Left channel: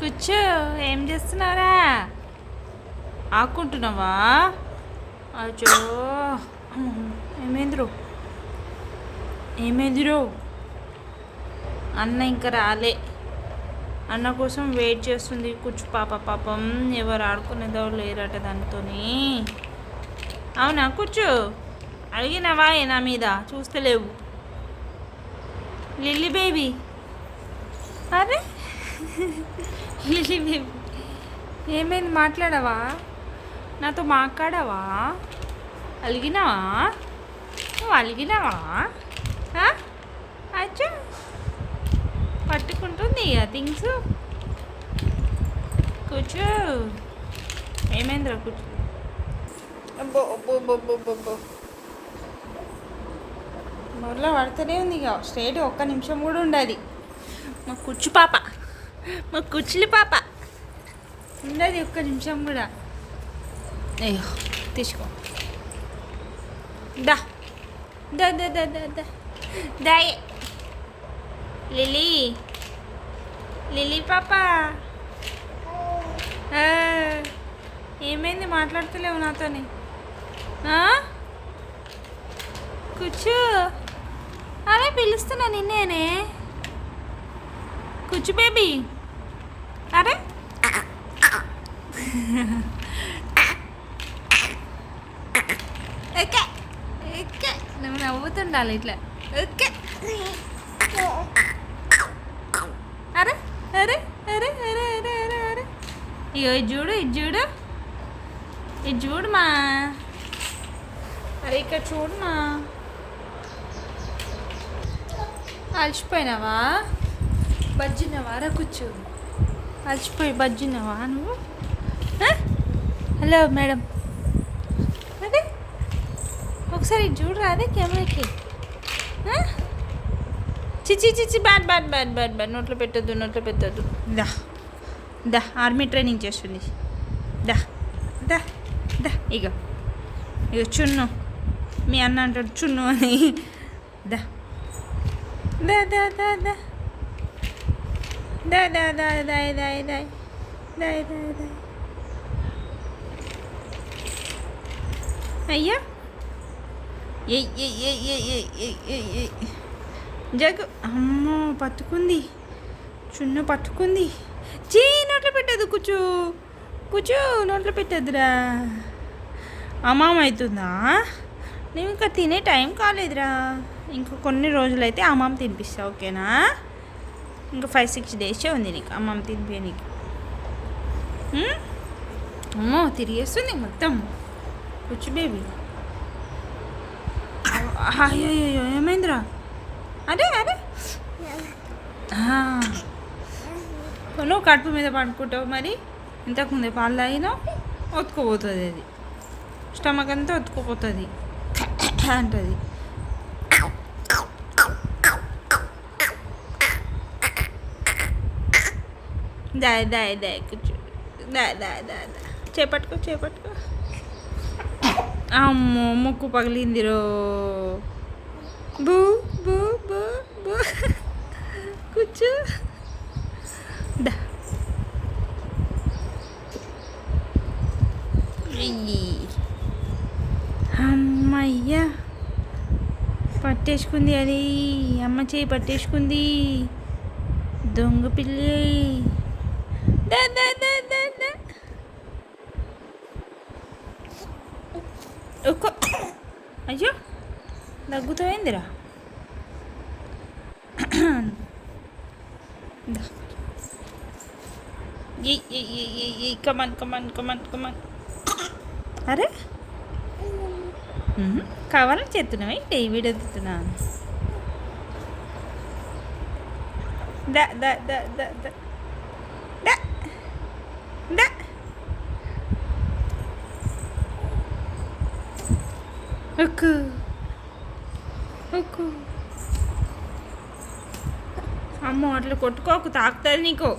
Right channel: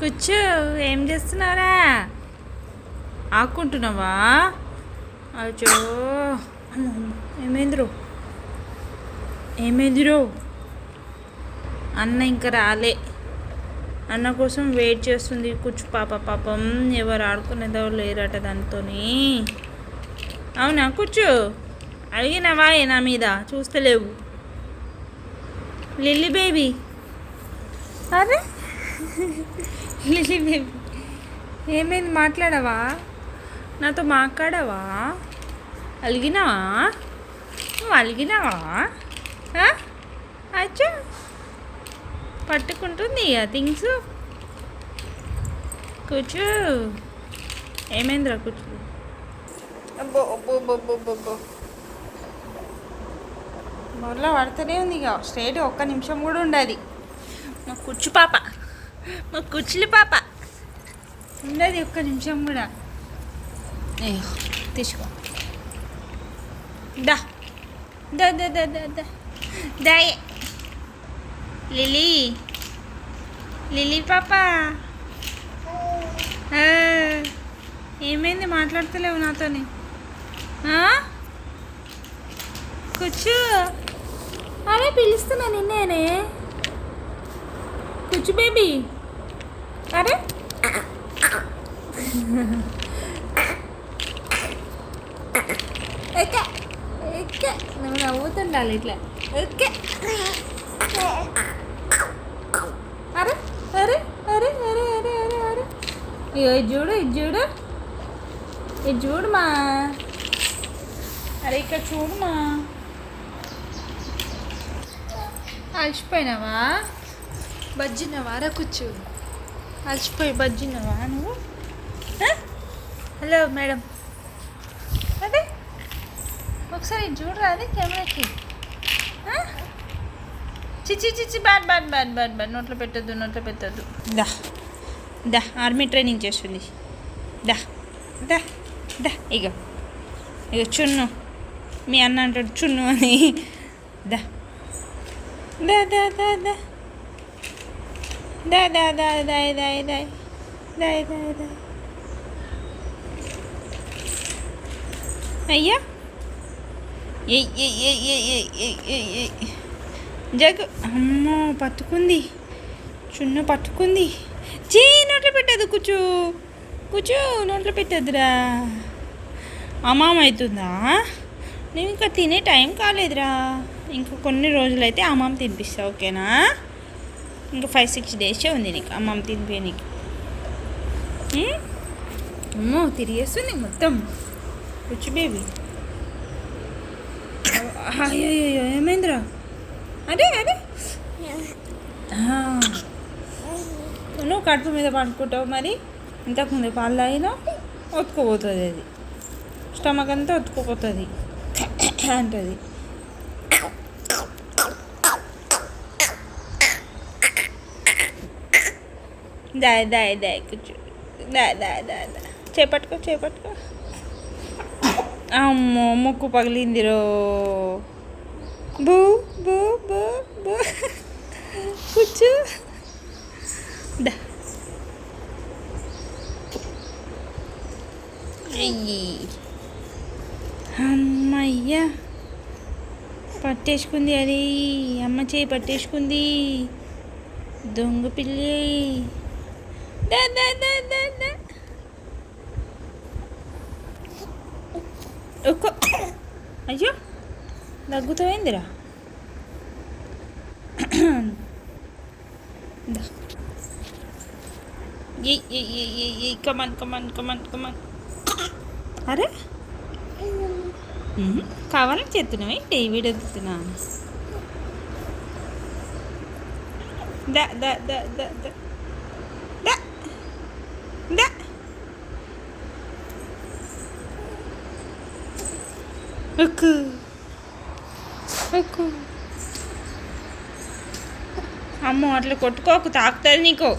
కూర్చో. ఏం చేస్తున్నారా? ఆకుంటున్నావా? అచ్చో, ఏమైందిరో ఏమైందిరో? అన్న ఇంకా రాలే. అన్న కోసం వెయిట్ చేస్తుంది కూర్చు పాప. పాపం ఎవరు ఆడుకునేదో లేరట దానితోని. అవునా కూర్చో. అడిగినవా నా మీద? చూస్తలేవు. లిల్లీ బేబీ, అదే లిల్లీ బేబీ ఏమైంది? మాట్లాడవా? నాతో మాట్లాడవా? అలిగినావా? నువ్వు అలిగినావా? అచ్చా, పట్టుకుంటుంది ఆ థింగ్స్. కూర్చో. ఏమైందిరా? కూర్చో. అబ్బో అబ్బో అబ్బో అబ్బో, మళ్ళీ పడుతూనే ఉంది. ఇక స్ట్రైట్ ఒక్క నిమిషం కూడా ఉండదు. మా కూర్చు పాప, మా కూర్చులు పాప ఉండదు ఒక్క నిమిషం కూడా. అయ్యో, తీసుకో. దా దా దా దా దా దా దాయే. లిల్లీ, లిల్లీ పాప, ఏమైంది? మాట్లాడతలేవు నాతోని? కూర్చో. అదే పిలుస్తున్నా నిన్నేనే. కూర్చు బేబీ. అరే ఓకే ఓకే, నువ్వు నవ్వుతుండాలి ఇట్లా. ఓకే. అరే అరే అరే అరే అరే అరే అరే, ఇగో ఇది చూడు, ఇది చూడు, ఇది చూడుమా. అరే ఇక్కడ చూడుమా. అలసిపోయినావా? బజ్జినావా? రా కూర్చో. అలసిపోయి బజ్జినావా నువ్వు? హలో మేడం, అదే ఒకసారి చూడరా అదే కెమెరాకి. చిచి చిచి, bad bad bad bad bad. నోట్లో పెట్టద్దు, నోట్లో పెట్టద్దు. దా దా, ఆర్మీ ట్రైనింగ్ చేస్తుంది. దా దా దా. ఇగో ఇగో చున్ను. మీ అన్న అంటాడు చున్ను అని. దా దా దా దా దా దా దా దా దాయ్ దాయ్ దాయ్ దాయ్ దాయ్ దాయ్. అయ్యా, జగ్గు. అమ్మో, పట్టుకుంది. చున్ను పట్టుకుంది. చీ, నోట్లో పెట్టద్దు. కూర్చో కూర్చో, నోట్లో పెట్టద్దురా. అమ్మామ అవుతుందా? నువ్వు ఇంకా తినే టైం కాలేదురా. ఇంకా కొన్ని రోజులైతే అమ్మమ్మ తినిపిస్తా, ఓకేనా? ఇంకా 5-6 డేసే ఉంది నీకు అమ్మమ్మ తినిపి నీకు. అమ్మో, తిరిగేస్తుంది మొత్తం. కూర్చు బేబీ. అయ్యో, ఏమైందిరా? అదే అదే, నువ్వు కడుపు మీద పడుకుంటావు మరి. ఇంతకుముందే పాలు తాగినావు, ఒత్తుకుపోతుంది అది. స్టమక్ అంతా ఒత్తుకుపోతుంది అంటది. దాయ్ దాయ్ దాయ్, కూర్చో. దా దా దా దా, చేపట్టుకో చేపట్టుకో. అమ్మో, ముక్కు పగిలిందిరో. బూ బూ బూ బూ. కూర్చో. దా. అమ్మయ్యా, పట్టేసుకుంది అది. అమ్మ చేయి పట్టేసుకుంది. దొంగ పిల్లి. దా దా దా దా దా. ఒక్కో. అయ్యో, దగ్గుతాయిందిరా. Come on come on come on come on. అరే, కావాలని చేస్తున్నావు ఏంటి? వీడియో ఎత్తుతున్నా. దా దా దా దా దా దా దా. ఒక్కు ఒక్కు. అమ్మో, అట్లా కొట్టుకోకు, తాకుతుంది నీకు.